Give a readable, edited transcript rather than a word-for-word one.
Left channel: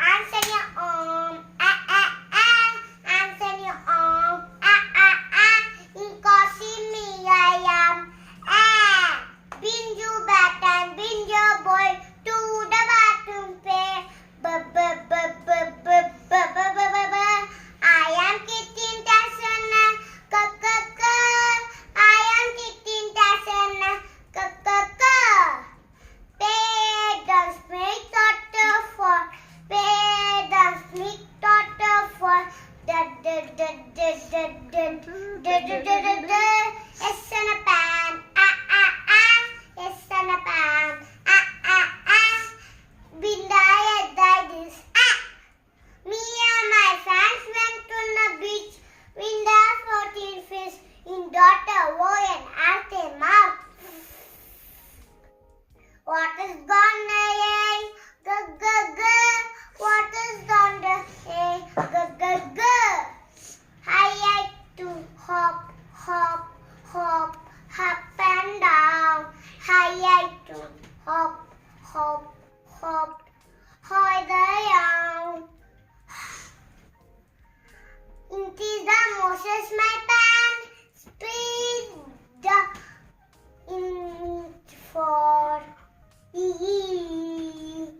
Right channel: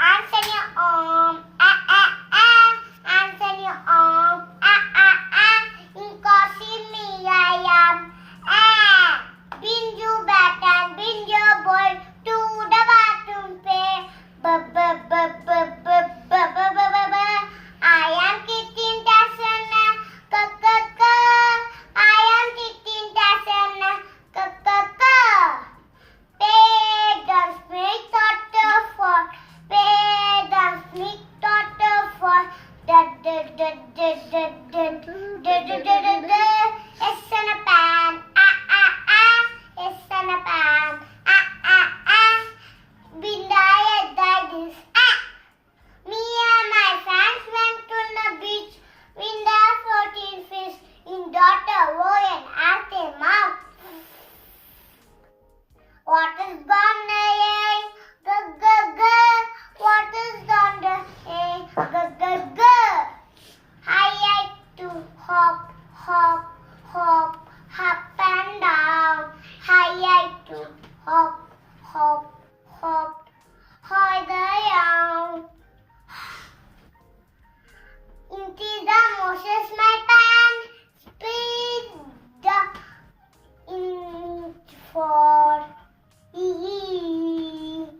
Anthony Anthony in coffee me I am Binju bat and Binju boy to the bathroom pay I am kicking Tasana I am kicking Tasana Parents make daughter for parents make daughter for Yes and a pan Yes and a pan Bindaya that is Me and my friends went to the beach Winda 14 fish in daughter Owen at the mouth What is gone What is gone I like to hop, hop, hop, hop and down. I like to hop, hop, hop, hop down. Into the Moses my pan, speed the in for E.